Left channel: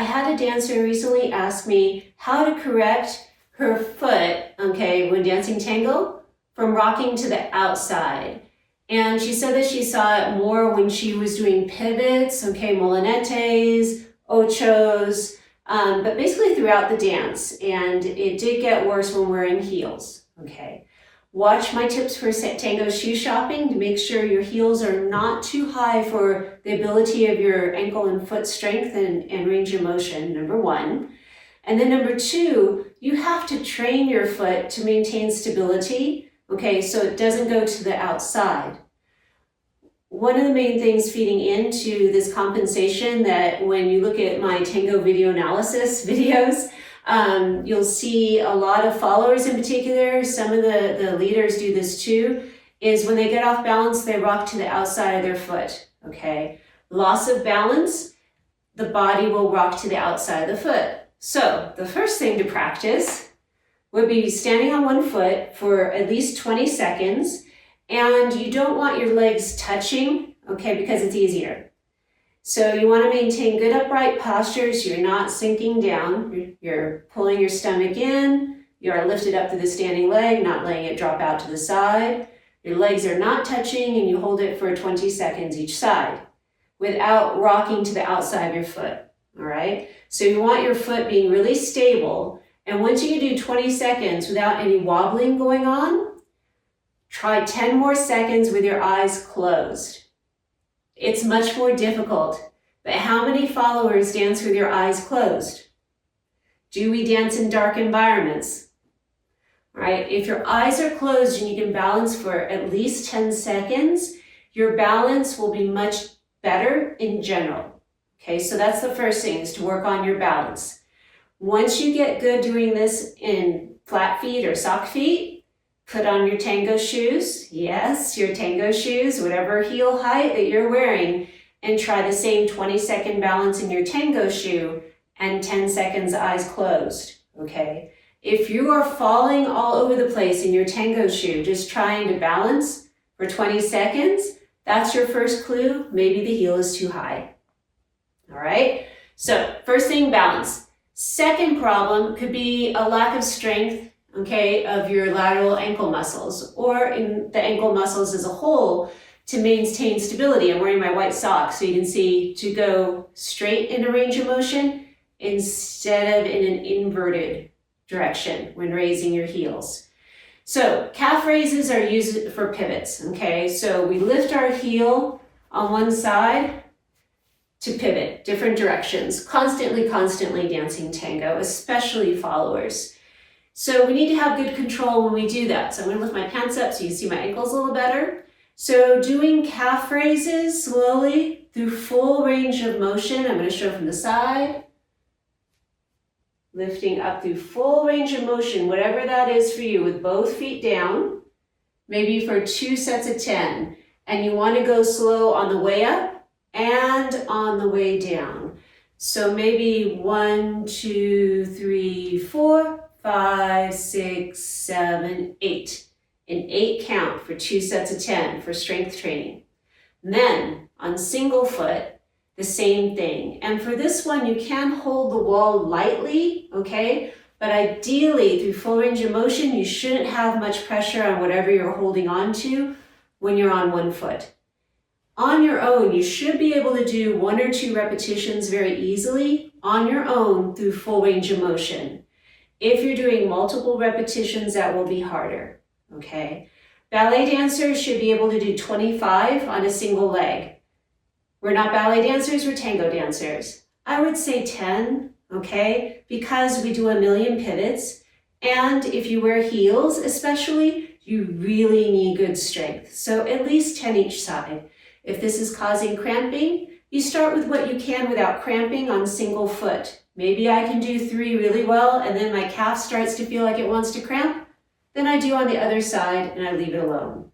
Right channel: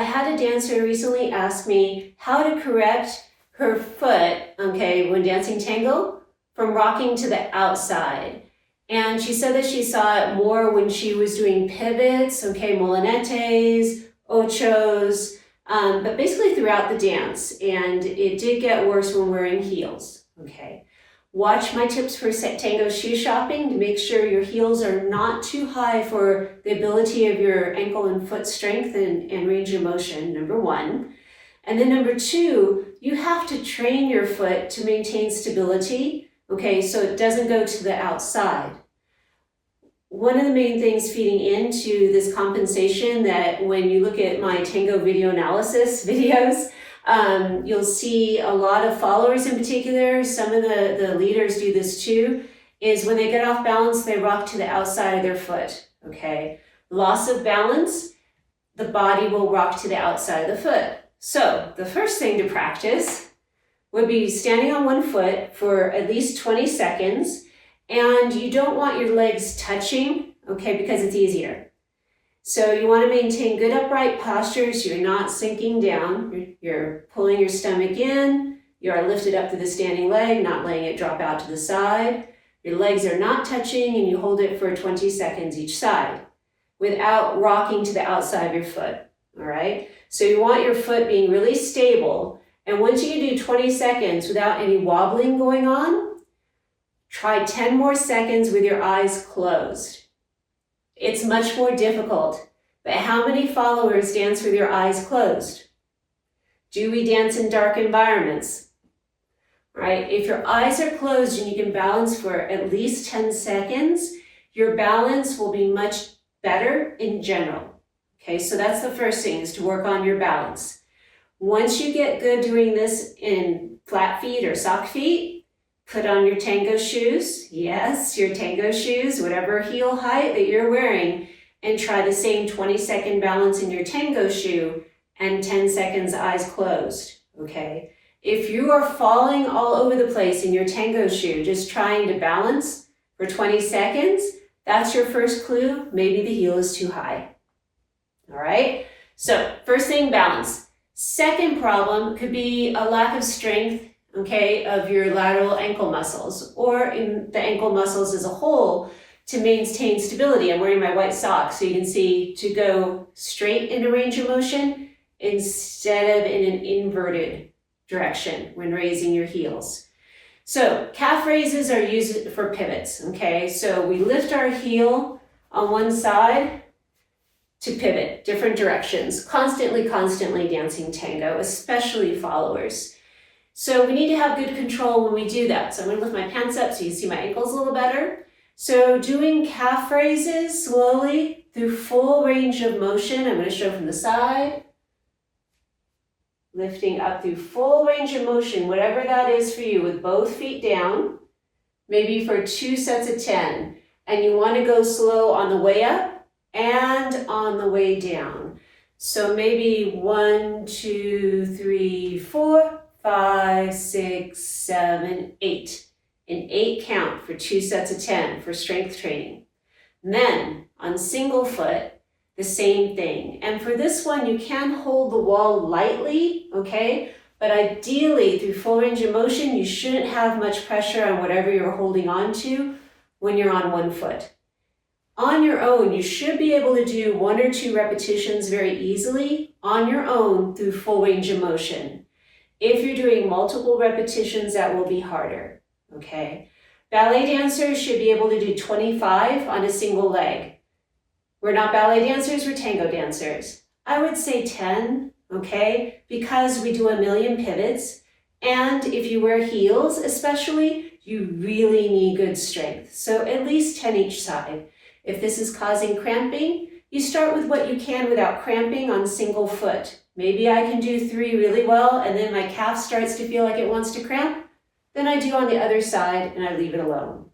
I had a dancer recently ask me how to correct her foot, okay, when dancing tango, from rocking to the outside. And she said that she saw it more when she was doing pivots, okay, molinetes, ochos, but basically throughout the dance. And it did get worse when wearing heels, okay. Watch my tips for tango shoe shopping to make sure your heels are not too high for the ability of your ankle and foot strength and range of motion, number one. And then number two, you have to train your foot to maintain stability, okay, so it doesn't go to the outside. One of the main things feeding into this compensation that when you look at my Tango Video Analysis videos, you'll see a lot of followers in particular, some of the leaders do this too, is when they get off balance, they rock to the outside of their foot, okay? Loss of balance, the body will rock to the outside of the foot. So the first thing to practice would be standing on one foot for at least 20 seconds, and you don't want your legs touching, okay, because it's easier. So you want to maintain good upright posture so you're not sinking down. You're pulling your stomach in, you are lifted up through the standing leg, not letting it drop out to the side. Your legs are not touching and you hold it for 20 seconds each side without rocking to the outside of your foot, all right? So you want your foot being really stable, and once you do 20 seconds without any wobbling going on, try 10 more seconds with your eyes closed. It's much more difficult, but how many followers dance with your eyes closed? Do we dance in dark environments? Right? If your eyes are closed and you can balance for at least 10 seconds, your balance will be much better in general. Okay, so that's the first thing, is to work on your balance. Once you get good doing this in flat feet or sock feet, put on your tango shoes. Yes, your tango shoes, whatever heel height that you're wearing, and try the same 20-second balance in your tango shoe and 10 seconds eyes closed, okay? If you are falling all over the place in your tango shoe, just trying to balance for 20 seconds, that's your first clue. Maybe the heel is too high, all right? So first thing, balance. Second problem could be a lack of strength, okay, of your lateral ankle muscles or in the ankle muscles as a whole to maintain stability. I'm wearing my white socks so you can see to go straight in a range of motion instead of in an inverted direction when raising your heels. So calf raises are used for pivots, okay? So we lift our heel on one side to pivot different directions, constantly dancing tango, especially followers. So we need to have good control when we do that. So I'm gonna lift my pants up so you see my ankles a little better. So doing calf raises slowly through full range of motion. I'm gonna show from the side. Lifting up through full range of motion, whatever that is for you, with both feet down, maybe for 2 sets of 10. And you wanna go slow on the way up and on the way down. So maybe 1, 2, 3, 4, 5, 6, 7, 8. An 8 count for 2 sets of 10 for strength training. And then on single foot, the same thing. And for this one, you can hold the wall lightly, okay? But ideally, through full range of motion, you shouldn't have much pressure on whatever you're holding on to when you're on one foot. On your own, you should be able to do 1 or 2 repetitions very easily on your own through full range of motion. If you're doing multiple repetitions, that will be harder, okay? Ballet dancers should be able to do 25 on a single leg. We're not ballet dancers, we're tango dancers. I would say 10, okay? Because we do a million pivots. And if you wear heels especially, you really need good strength. So at least 10 each side. If this is causing cramping, you start with what you can without cramping on single foot. Maybe I can do 3 really well and then my calf starts to feel like it wants to cramp. Then I do on the other side and I leave it alone.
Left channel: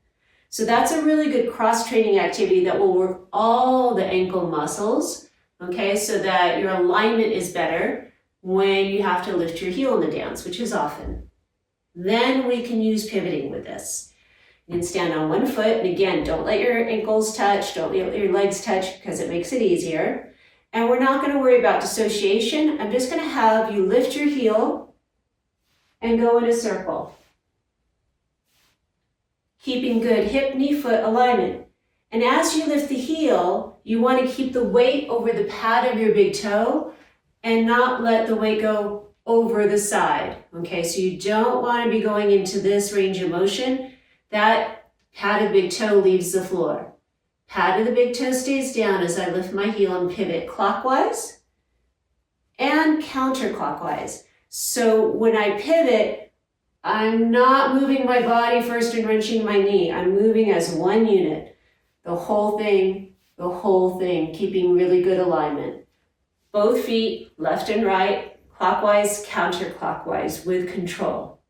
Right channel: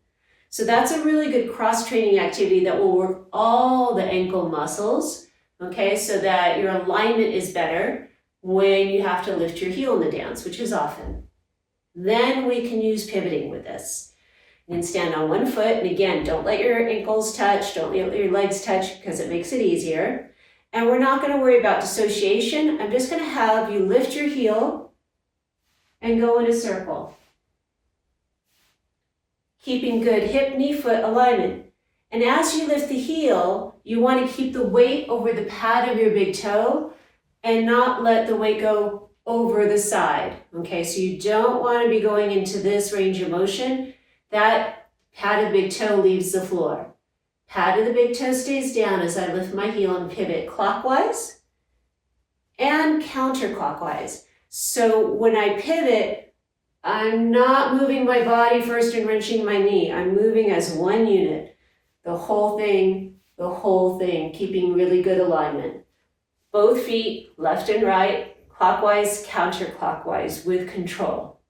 So that's a really good cross-training activity that will work all the ankle muscles, okay, so that your alignment is better when you have to lift your heel in the dance, which is often. Then we can use pivoting with this. You can stand on one foot, and again, don't let your ankles touch, don't let your legs touch because it makes it easier. And we're not going to worry about dissociation. I'm just going to have you lift your heel and go in a circle. Keeping good hip, knee, foot alignment. And as you lift the heel, you want to keep the weight over the pad of your big toe and not let the weight go over the side. Okay, so you don't want to be going into this range of motion. That pad of big toe leaves the floor. Pad of the big toe stays down as I lift my heel and pivot clockwise and counterclockwise. So when I pivot, I'm not moving my body first and wrenching my knee. I'm moving as one unit. The whole thing, keeping really good alignment. Both feet, left and right, clockwise, counterclockwise with control.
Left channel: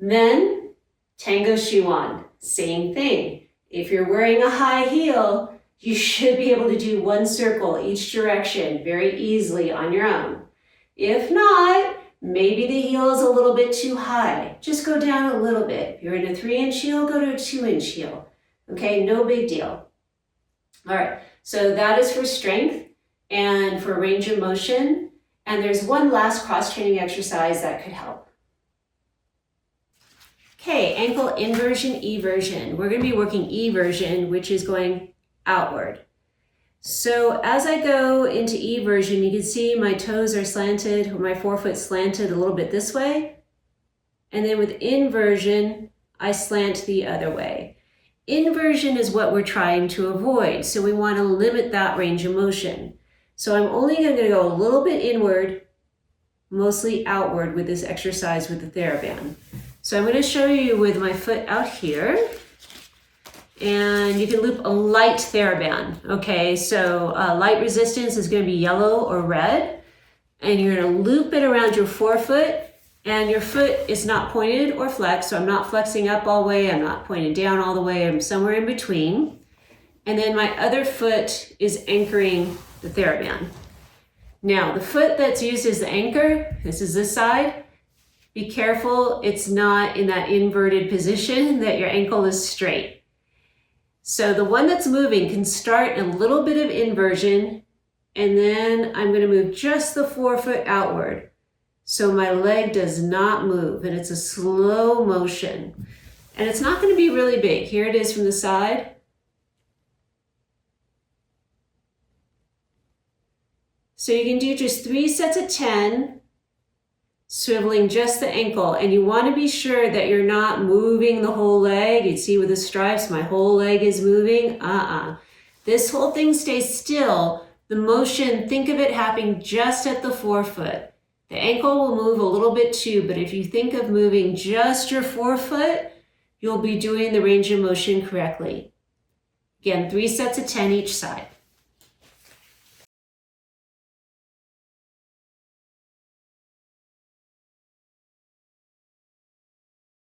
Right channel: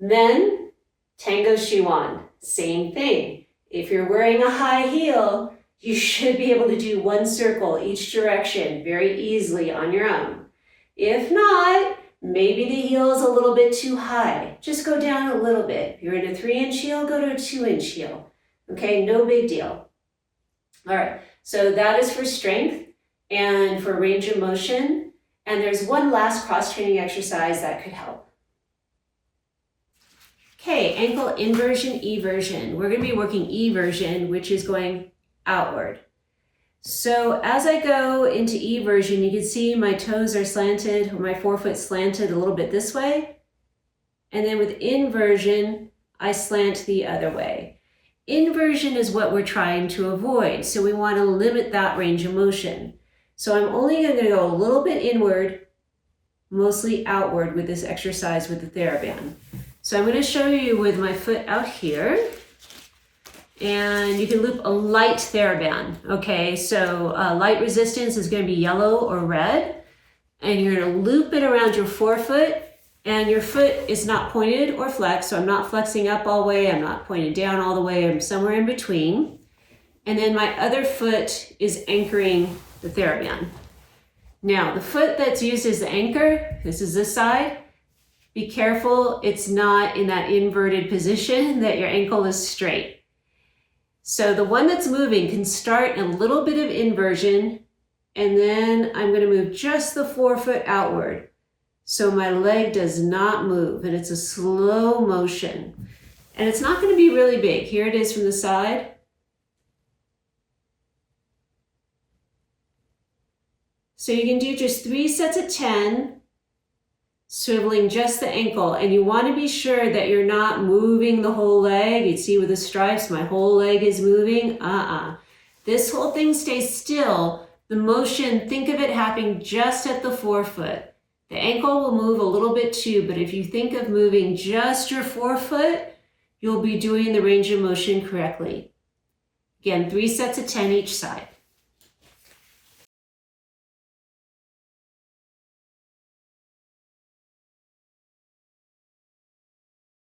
Then, tango shoe on, same thing. If you're wearing a high heel, you should be able to do one circle each direction very easily on your own. If not, maybe the heel is a little bit too high. Just go down a little bit. If you're in a 3-inch heel, go to a 2-inch heel. Okay, no big deal. All right, so that is for strength and for range of motion. And there's one last cross-training exercise that could help. Okay, ankle inversion, eversion. We're going to be working eversion, which is going outward. So as I go into eversion, you can see my toes are slanted, or my forefoot slanted a little bit this way. And then with inversion, I slant the other way. Inversion is what we're trying to avoid, so we want to limit that range of motion. So I'm only going to go a little bit inward, mostly outward with this exercise with the Theraband. So I'm going to show you with my foot out here, and you can loop a light Theraband. Okay, so light resistance is going to be yellow or red, and you're going to loop it around your forefoot, and your foot is not pointed or flexed, so I'm not flexing up all the way, I'm not pointed down all the way, I'm somewhere in between. And then my other foot is anchoring the Theraband. Now, the foot that's used as the anchor, this is this side. Be careful it's not in that inverted position, that your ankle is straight. So the one that's moving can start in a little bit of inversion, and then I'm going to move just the forefoot outward. So my leg does not move, and it's a slow motion. And it's not going to be really big. Here it is from the side. So you can do just 3 sets of 10, swiveling just the ankle. And you want to be sure that you're not moving the whole leg. You see with the stripes, my whole leg is moving. This whole thing stays still. The motion, think of it happening just at the forefoot. The ankle will move a little bit too, but if you think of moving just your forefoot, you'll be doing the range of motion correctly. Again, 3 sets of 10 each side.